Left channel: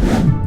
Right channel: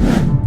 you